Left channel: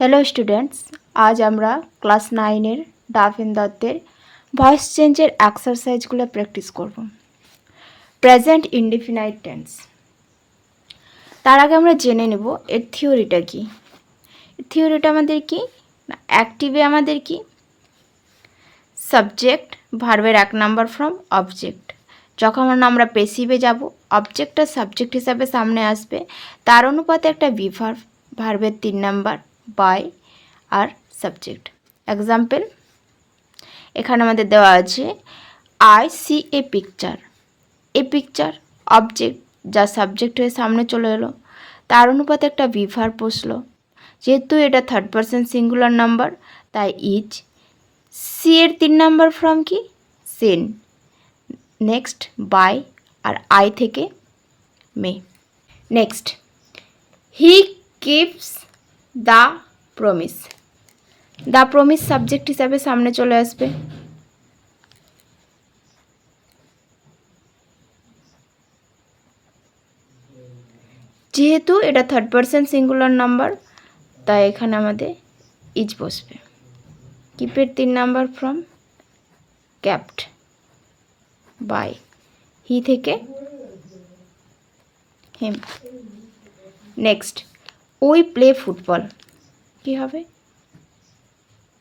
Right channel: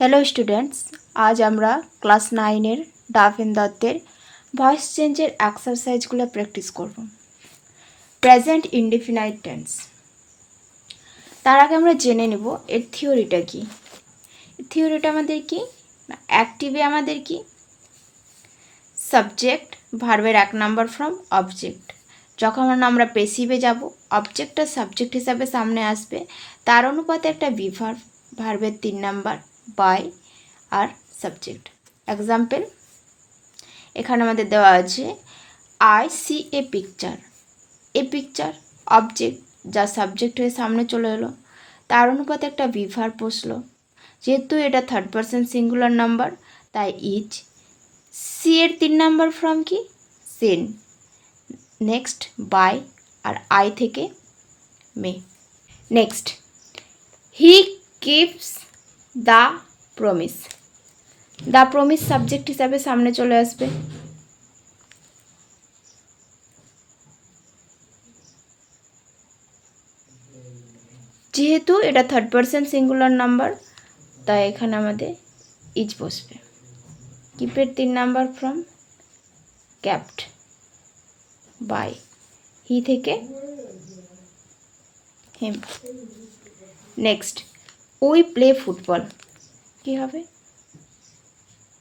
Hello students, আজ আমরা ক্লাস 9-এর ডাফিন দত্তের ভয়েস চেঞ্জের এক্সারসাইজগুলো প্র্যাকটিস করব। Present indefinite tense. তার আগে আমরা জেনে নেব এর থিওরিটা কি। থিওরিটা আমাদের কি, অ্যাক্টিভে আমাদের কি, সাবজেক্ট ভার্বের 1 নাম্বার ফর্ম অবজেক্ট। যখন আমরা পেসিভে যাব, অবজেক্টটা সাবজেক্ট হিসাবে সামনে আসবে, তার অনুপাতে একটা বিভার্ব, ভার্বের 3 নাম্বার বাই আর সাবজেক্ট। এক্সাম্পল এখানে আমাদের দেওয়া আছে I see a picture. A picture object যা সাবজেক্ট হয়ে সামনে চলে এলো, তার অনুপাতে একটা বিভার্ব বসলো। যেহেতু এটা থার্ড পারসন সিঙ্গুলার নাম্বার, তাই ইজ। সি এর 3 নাম্বার ফর্ম কি, সেন। নেক্সট বাই আর আই থেকে me. Next he keeps the promise. The promise subject হিসাবে সামনে চলে আসবে। যেহেতু এটা থার্ড পারসন সিঙ্গুলার নাম্বার, তাই এখানে আমাদের ইজ বসবে। কিপের 3 number form kept by he থেকে him. Next we play football. কি হবে,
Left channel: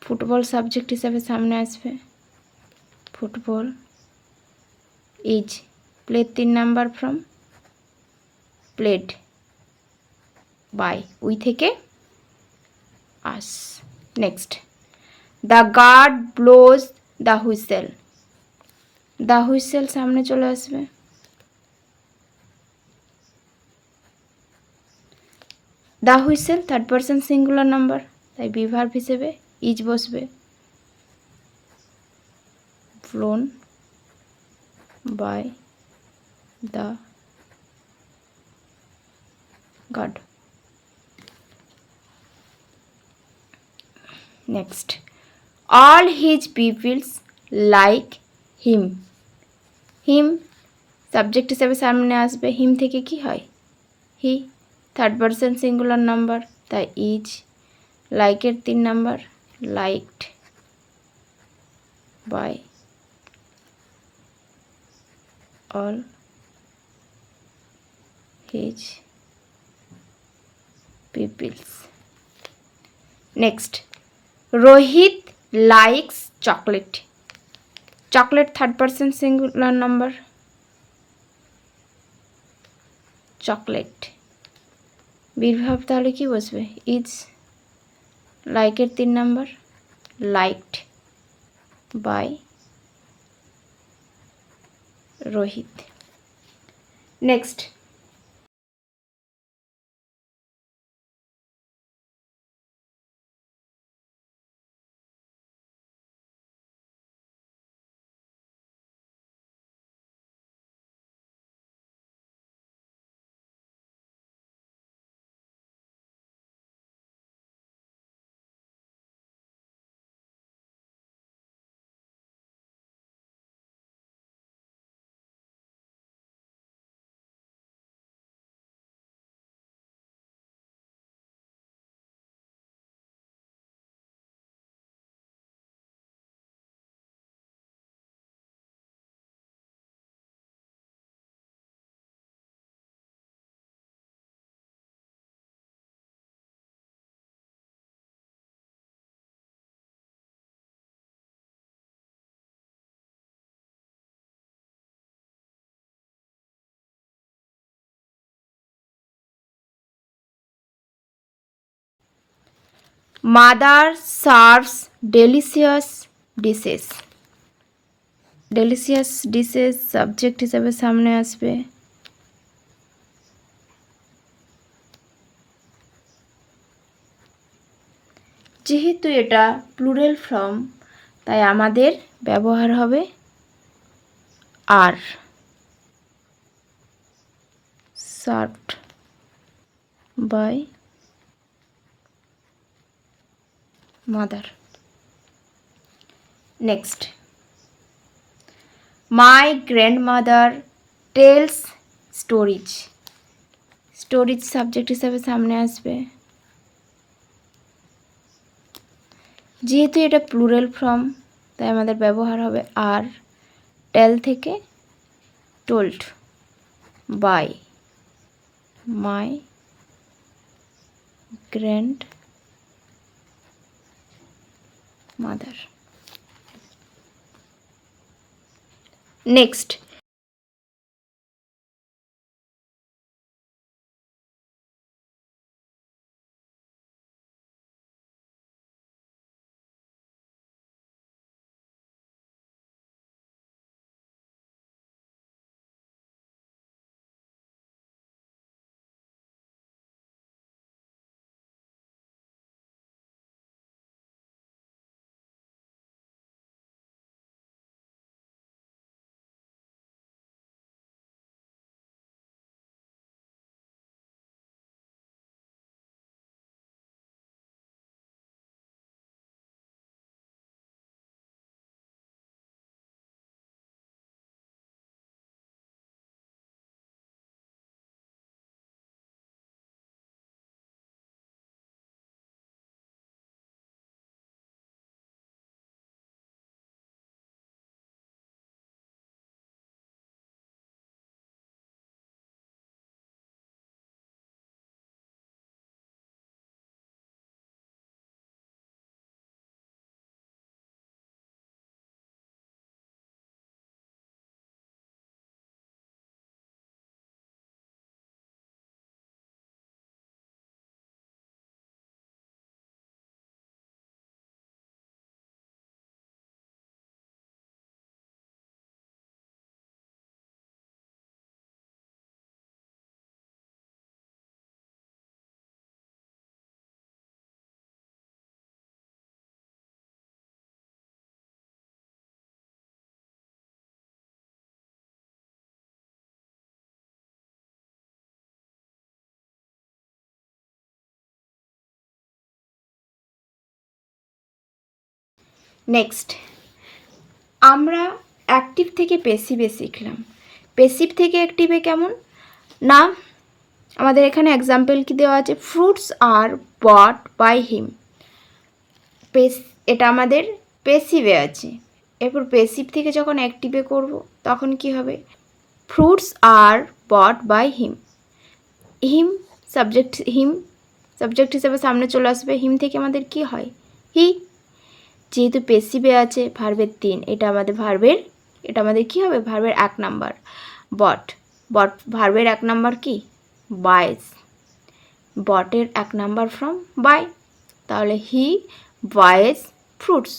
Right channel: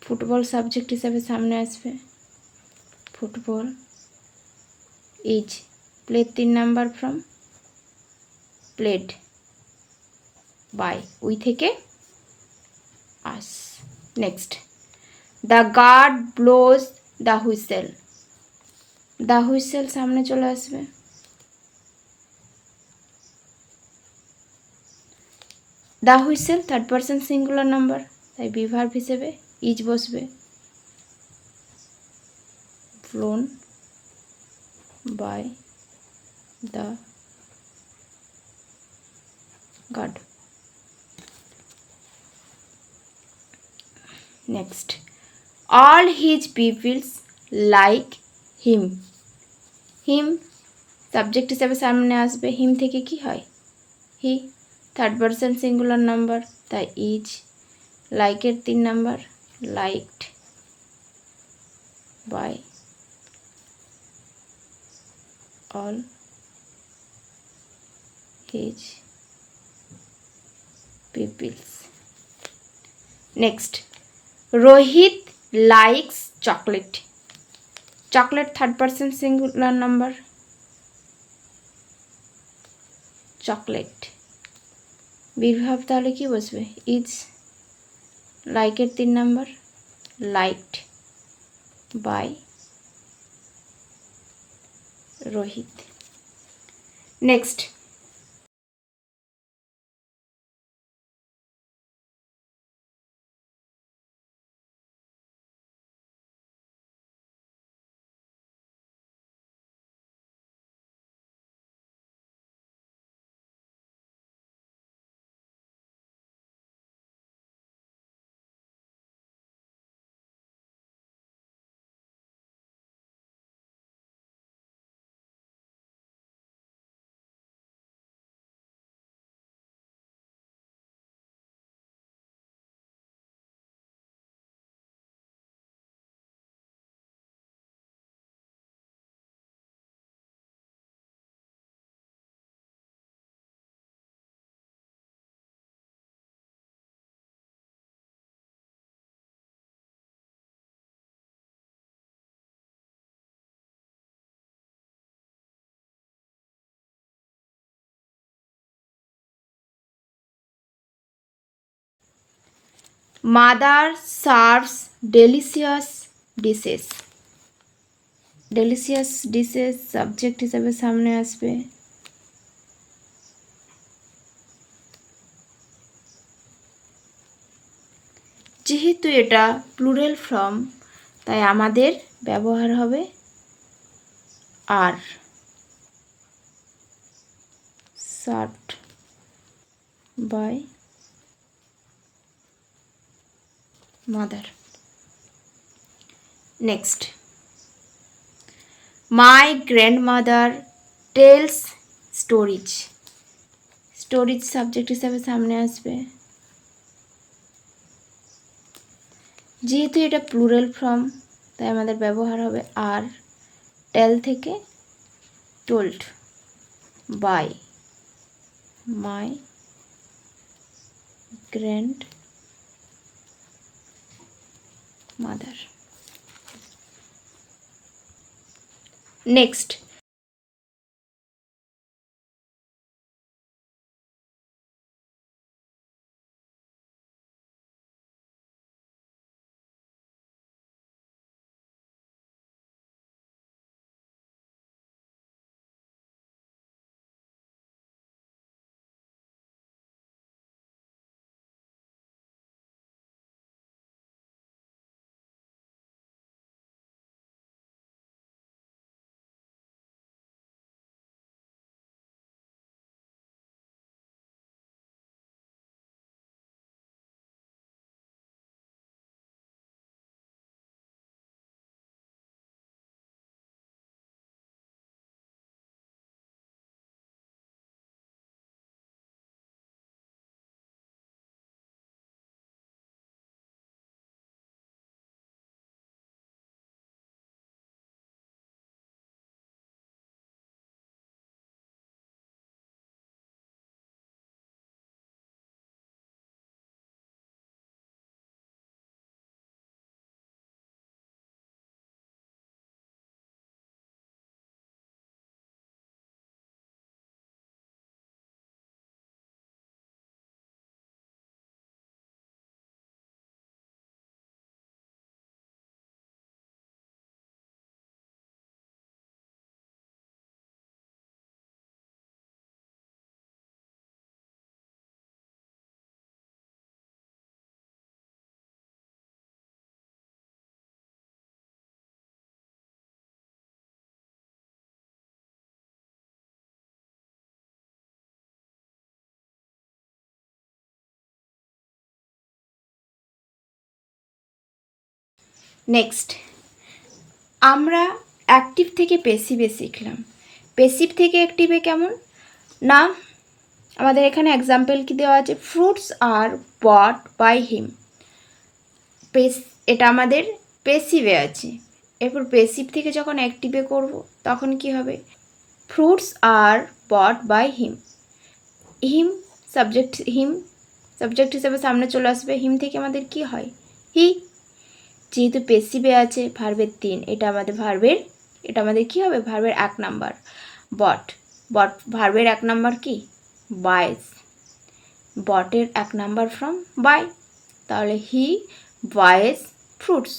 ফুটবল সাবজেক্ট হিসাবে সামনে আসবে। Football is play 3 number form played by we থেকে us. Next the guard blows the whistle. The whistle সামনে চলে আসবে। The whistle third person singular number, তাই বিভার্ব হিসেবে ইজ বসবে। Blown by the guard. Next all his peoples like him. Him subject হিসেবে সামনে আসবে। হিম থেকে কি হয়, he. Third person singular number, তাই ইজ। লাইকের 3 number liked by all his peoples. Next Rohit likes chocolate. Chocolate third person singular number, chocolate be verb তাহলে কি বসবে, ইজ। লাইকের 3 number liked by Rohit. Next mother serves delicious dishes. Delicious dishes subject হিসাবে সামনে আসবে। যেহেতু এটা প্লুরাল ফর্ম, তাই আমাদের ব্যবহার হবে are. Served by mother. Next my grandmother tells stories. Stories subject হিসাবে সামনে আসবে। যেহেতু এটা প্লুরাল ফর্ম তাই আমাদের ব্যবহার হবে আর টেল থেকে told by my grandmother. Next, আমরা অ্যাক্টিভ থেকে পেসিভে শিখলাম। পেসিভ থেকে অ্যাক্টিভে কেমন না, আমাদের এখানে এক্সাম্পল কি দেওয়া আছে, ফ্রুটস আর বট বাই হিম। এটা আমাদের পেসিভে আছে। এরপর পেসিভ থেকে যখন অ্যাক্টিভে করব তখন কি হবে, ফ্রুটস আর bought by him. Him subject হিসেবে সামনে চলে আসবে। হিম থেকে আমাদের কি হয়, হি। যেহেতু পেসিভে আছে ভার্বের 3, এটা আমাদের কি হবে, ভার্বের 1 নাম্বার। বট ভার্বের 1 নাম্বার কি, বাইস। বটের 1 নাম্বার ফ্রম বাই, তাহলে he buys fruits.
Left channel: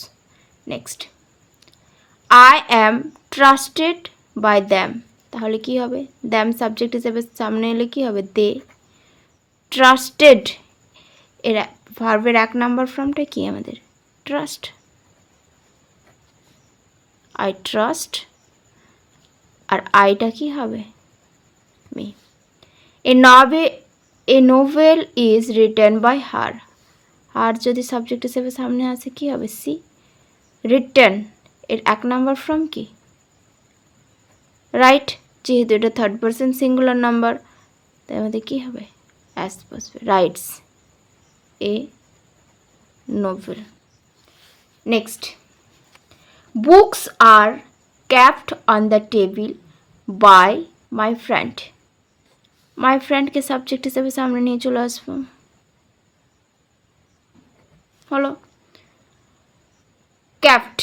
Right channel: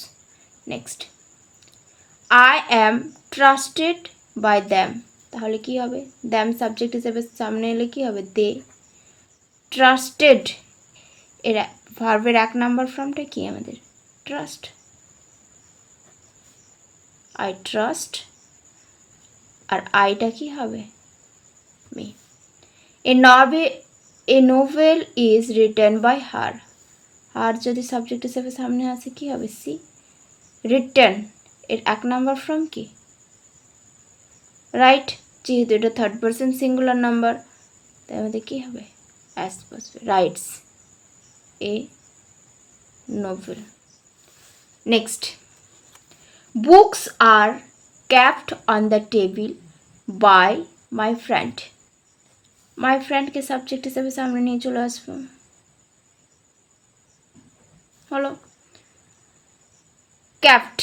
Next, I am trusted by them, তাহলে কি হবে, দ্যাম সাবজেক্ট হিসেবে সামনে এলে কি হবে, দে। ট্রাস্টেড, এরা ভার্বের 1 নাম্বার ফর্মটা কি আমাদের, ট্রাস্ট। আই ট্রাস্ট, আর আইটা কি হবে, me. A novel is written by her. আর যদি সাবজেক্ট হিসেবে সামনে আসে কি হবে, সি। রিটেন এর 1 নাম্বার ফর্ম কি, রাইট। যেহেতু এটা 3rd পারসন সিঙ্গুলার নাম্বার তাই আমাদের কি হবে, অ্যাস বসবে, writes a novel. Next, books are kept on the table by my friend। My ফ্রেন্ডকে সাবজেক্ট হিসেবে সামনে নিয়ে চলে আসবো, হলো। kept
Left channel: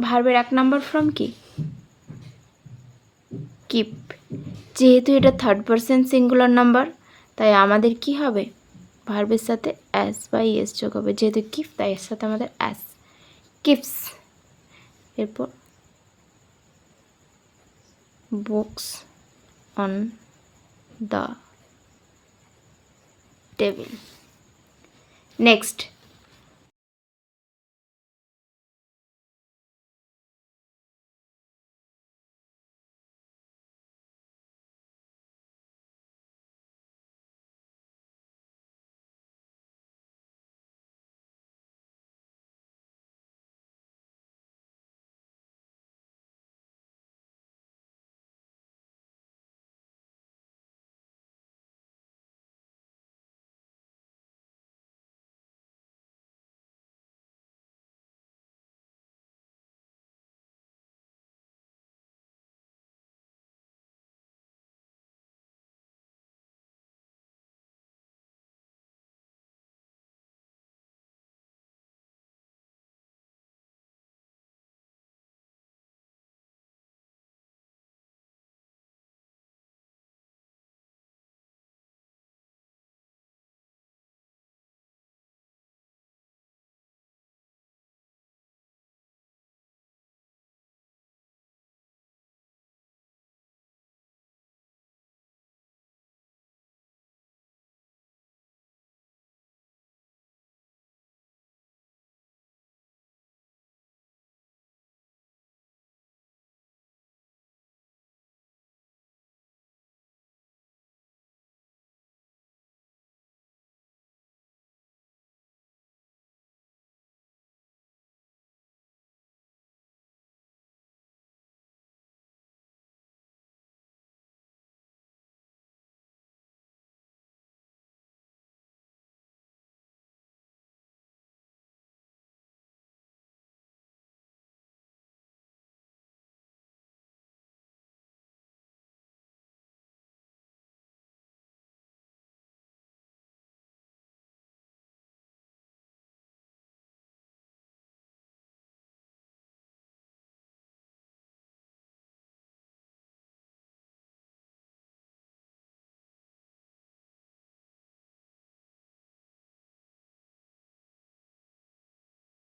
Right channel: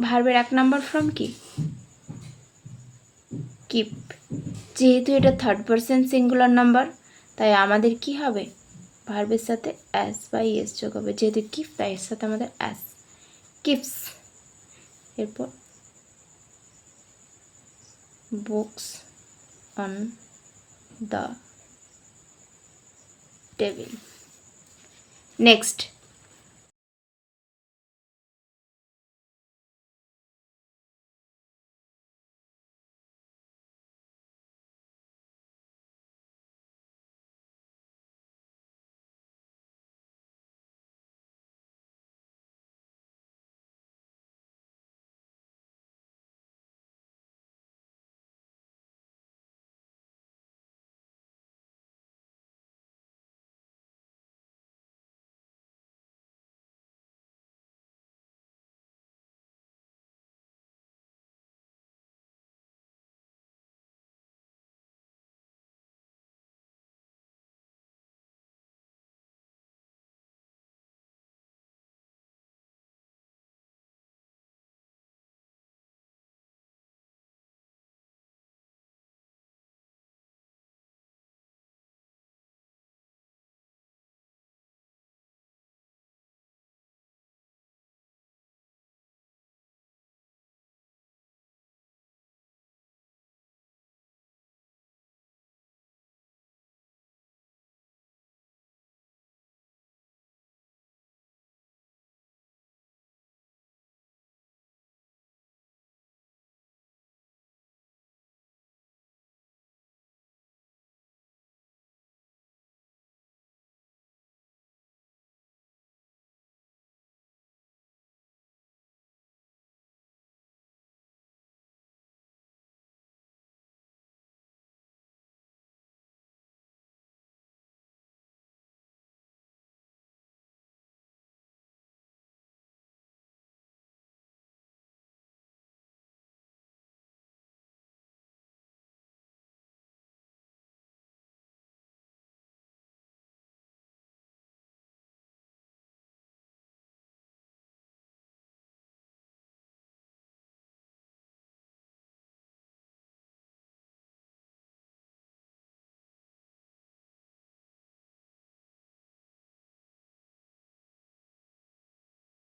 ভার্বের 1 নাম্বার ফর্ম কি, কিপ। যেহেতু এটা 3rd পারসন সিঙ্গুলার নাম্বার তাই আমাদের কি হবে, ভার্বের সাথে অ্যাস বা ইএস যোগ হবে। যেহেতু কিপ তাই এর সাথে আমাদের অ্যাস, কিপস। এরপর books on the table. Next,